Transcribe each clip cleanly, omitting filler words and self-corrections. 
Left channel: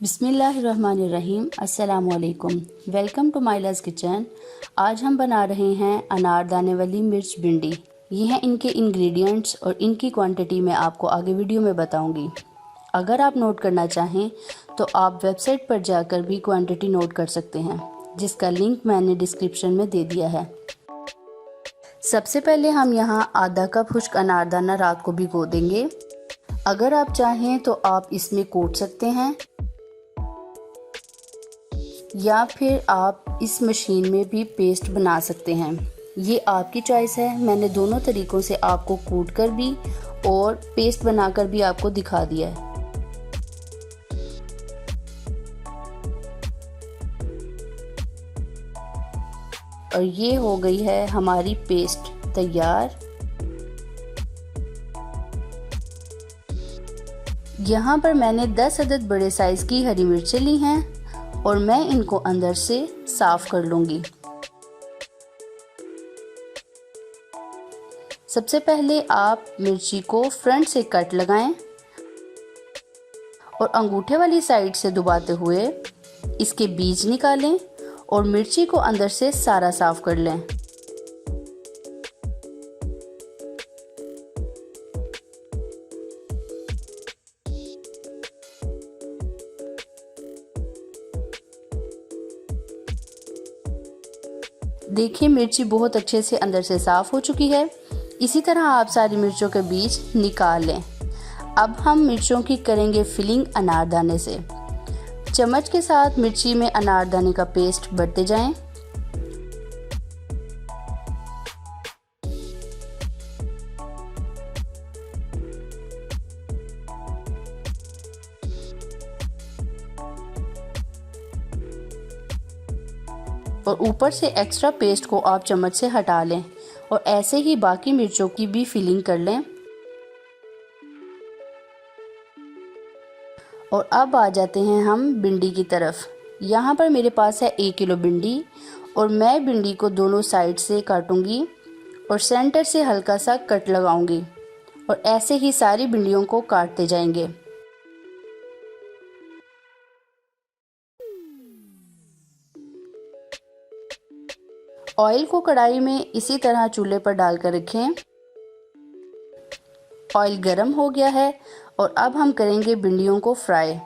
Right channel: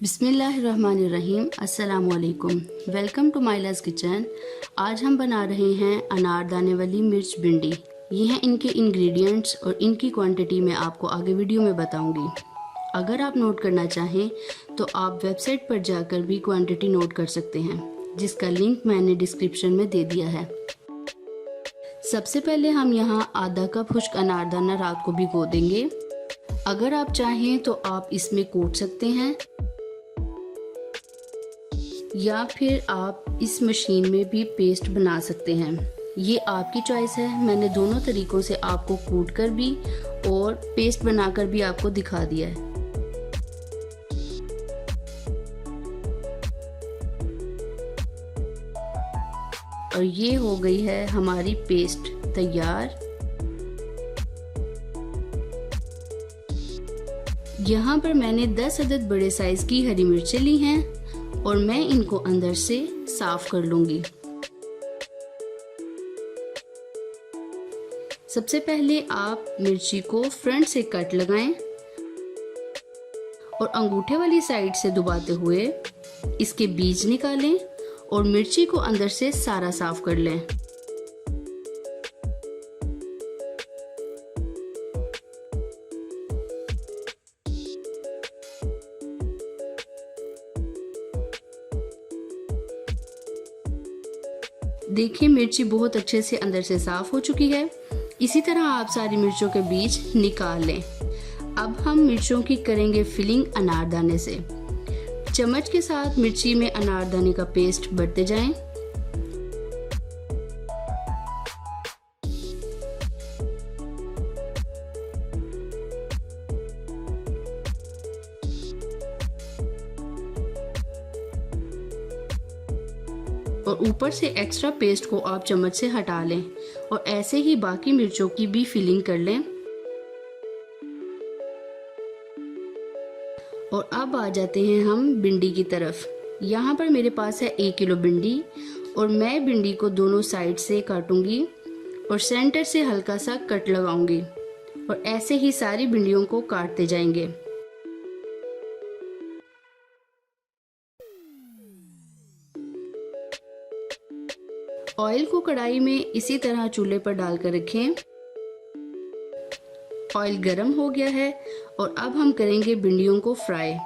बिस्मिल्लाहिर्रहमानिर्रहीम। अस्सलामुअलैकुम। Welcome to माइला's किचन। आज हम बना रहे हैं अनारदाने वाली मिर्च भिंडी। ये हैं इनके इंग्रेडिएंट्स और इनकी क्वांटिटी मैं आपको आगे वीडियो में बताऊंगी। अगर आप नोट करना चाहें तो आप वेबसाइट पर जाकर भी क्वांटिटी नोट कर सकते हैं, जिसका लिंक मैंने डिस्क्रिप्शन में दे दिया है। सबसे पहले हम यहाँ आधा कप खुश्क अनारदाना रात को भिगो देंगे। अगर आप चाहें तो आप इसमें कूट सकते हैं या फिर आप इस मशीन में भी पेस्ट बना सकते हैं। ये आपकी चॉइस है। मैंने दोनों तरीक़ों से आपको कूट कर भी और पेस्ट बनाकर भी आपको दिखा दिया है। और ये हो गई है हमारी पेस्ट तैयार। यहाँ पर मैंने 10 अदद बड़े साइज़ की हरी मिर्चें ली हैं और मैं इनको अंदर से साफ कर लूँगी। सबसे पहले आप मिर्ची को फ्रंट से कट लगाएं और अंगूठे वाली साइड से दबाते हुए इसके बीज निकालें और मिर्ची को अंदर से सारा साफ कर लें। देखिए मिर्ची बहुत अच्छे से अंदर से साफ हो चुकी है। इसी तरह आप सारी मिर्चों के बीज निकाल लें। अब हम मिर्चों की करेंगे फिलिंग अनारदाने से। चम्मच के साथ मिर्ची में अनारदाने का पेस्ट भरते जाएं। और ऊपर से एक्स्ट्रा पेस्ट को आप चम्मच से हटा लें और ऐसे ही बाकी मिर्चों की भी फिलिंग कर लें। और अब आ जाते हैं हम भिंडी की तरफ। यहाँ पर मेरे पास है 1 किलो भिंडी और मैं भिंडी को दोनों साइड से काटूंगी और सेंटर से हल्का सा कट लगाऊंगी और ऐसे ही सारी भिंडियों को काटते जाएंगे। ऑयल को कढ़ाई में इसी तरह चूल्हे पर डालकर रखें। ऑयल गर्म हो गया है और अब हम करेंगे भिंडियों को फ्राई।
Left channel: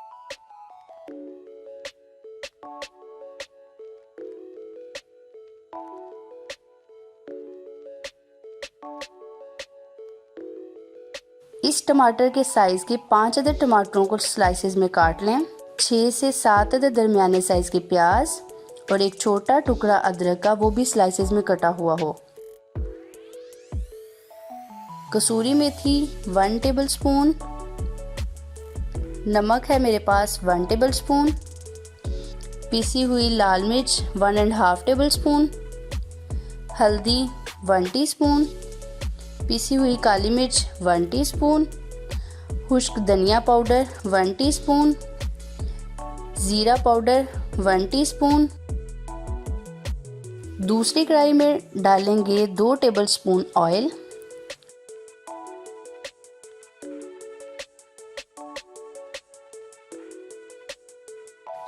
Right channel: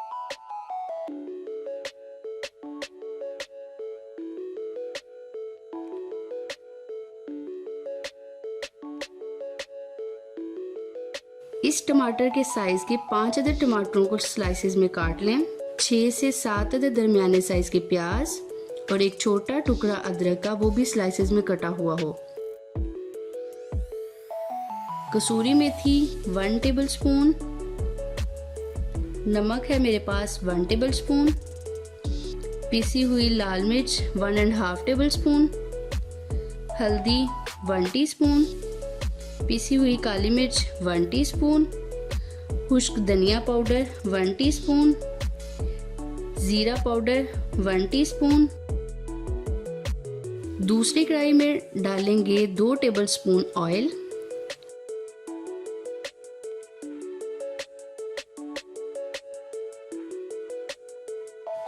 इस टमाटर के साइज के 5 अदद टमाटरों को स्लाइसेस में काट लें। 6 से 7 अदद दरमियाने साइज के प्याज और एक छोटा टुकड़ा अदरक का, वो भी स्लाइसेस में कटा हुआ हो। कसूरी मेथी 1 टेबलस्पून, नमक है मेरे पास 1 टेबलस्पून, पीसी हुई लाल मिर्च 1.5 टेबलस्पून, हल्दी 1 टीस्पून, पीसी हुई काली मिर्च 1 टीस्पून, खुश्क धनिया पाउडर 1 टीस्पून, जीरा पाउडर 1 टीस्पून। दूसरी कढ़ाई में डालेंगे 2 टेबलस्पून ऑयल।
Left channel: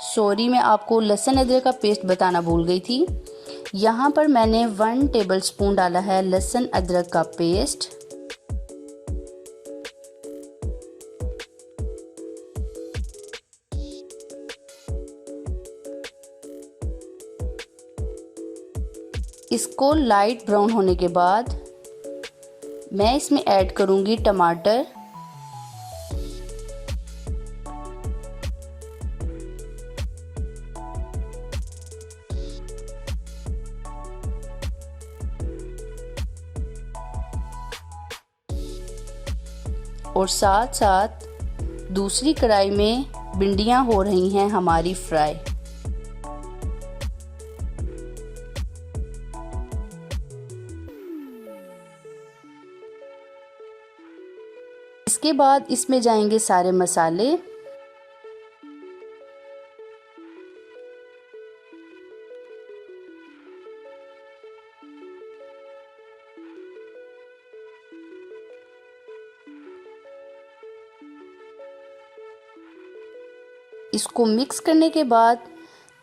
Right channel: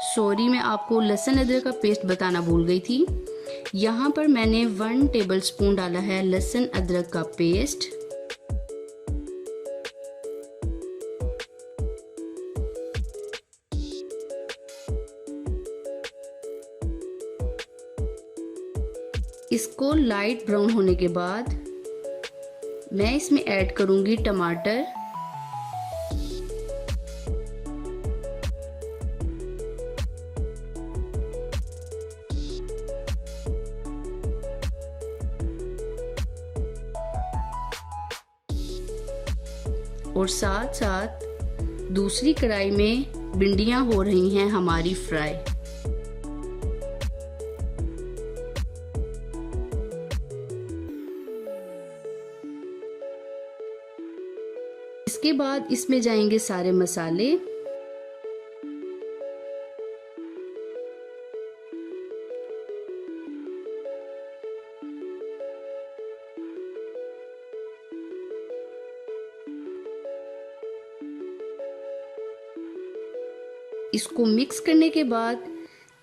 सॉरी, मैं आपको लहसुन अदरक का पेस्ट बताना भूल गई थी। यहाँ पर मैंने 1 टेबलस्पून डाला है लहसुन अदरक का पेस्ट। इसको लाइट ब्राउन होने के बाद मैं इसमें ऐड करूंगी टमाटर। और साथ साथ दूसरी कढ़ाई में भिंडियां हो रही हैं हमारी फ्राई। इसके बाद इसमें जाएंगे सारे मसाले। इसको मिक्स करने के बाद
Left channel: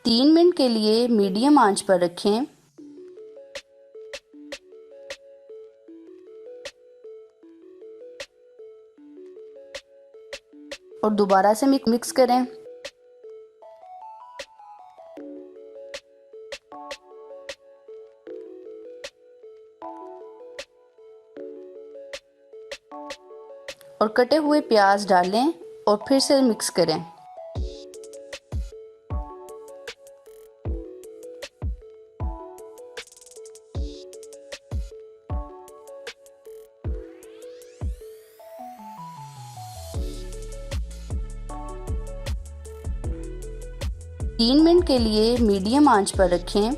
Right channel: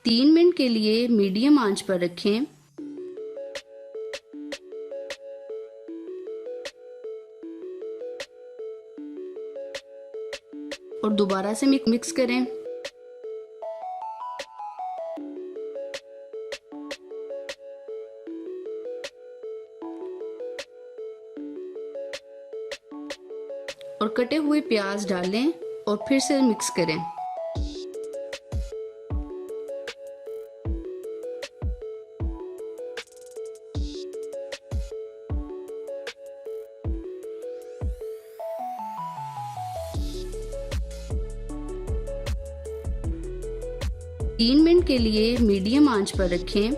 3 मिनट के लिए मीडियम आंच पर रखें। और दोबारा से मिक्स करें। और कटे हुए प्याज डालें और फिर से मिक्स करें। तीन मिनट के लिए मीडियम आंच पर रखें।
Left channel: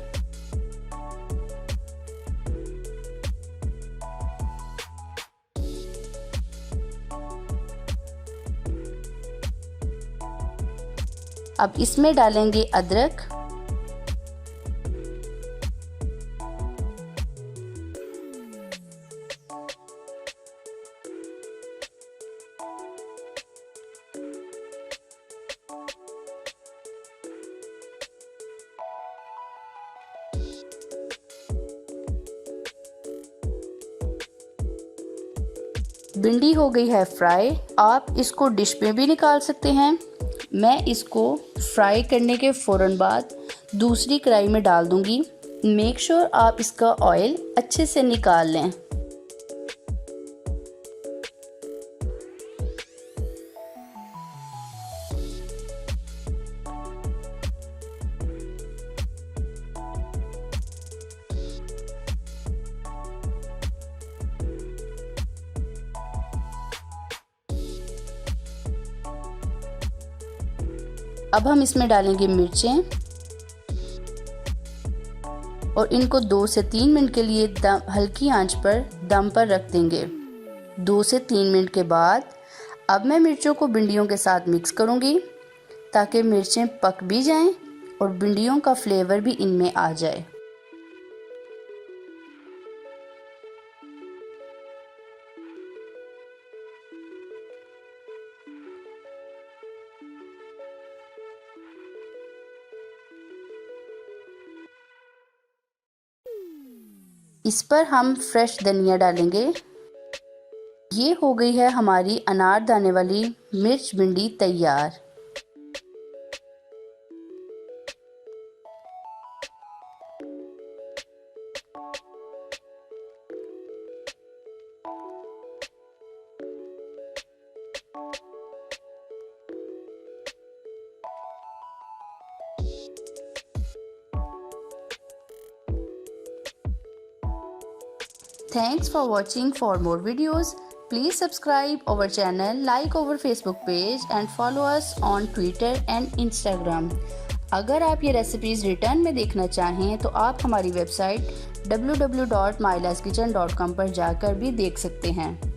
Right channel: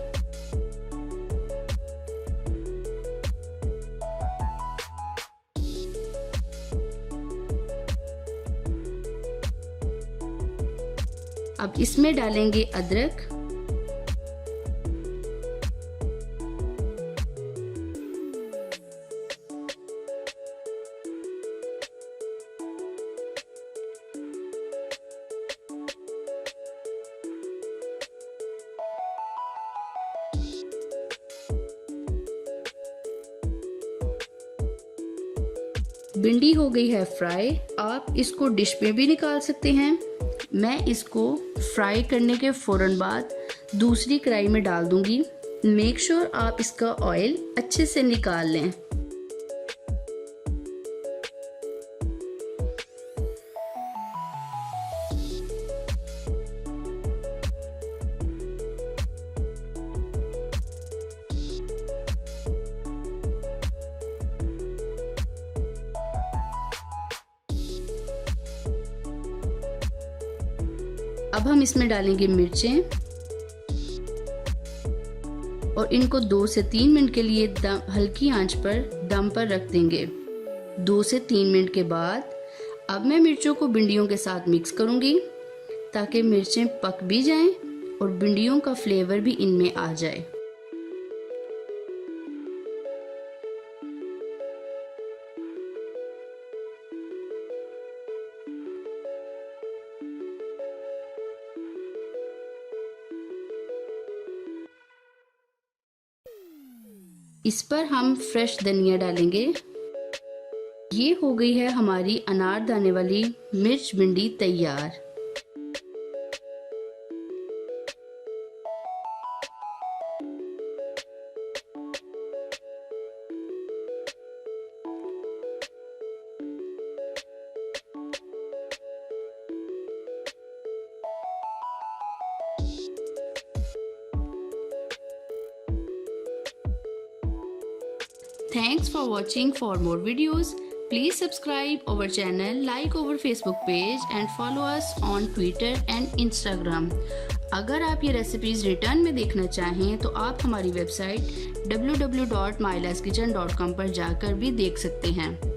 अब इसमें डालेंगे अदरक, भिंडी हो गई है फ्राई। आप इसको डिश में भी निकाल सकते हैं। मैं इसको फ्राई करने के फ़ौरन बाद दूसरी कढ़ाई में डाल दूंगी। मेक श्योर आप इसका ऑयल अच्छे से निकाल लें। अब हम इसमें डालेंगे मिर्चें और इनको 2 से 3 मिनट के लिए हल्की आंच पर दम पर रख देंगे। 2 से 3 मिनट के बाद अब मैं मिर्चों को भिंडियों के साथ मिक्स करूंगी ताकि मिर्चें पक भी जाएं और भिंडियों का फ्लेवर भी इनमें आ जाए। इस पर हम फ्रेश धनिया डालेंगे। ये हो गई है हमारी अनारदाने वाली मिर्च भिंडी तैयार। Thanks for watching. For more videos, please subscribe our channel, like our Facebook page and follow us on Twitter and Instagram. अगर आप ये रेसिपीज़ रिटर्न में देखना चाहें तो आप हमारी वेबसाइट www.mylaskitchen.com पर जाकर भी देख सकते हैं।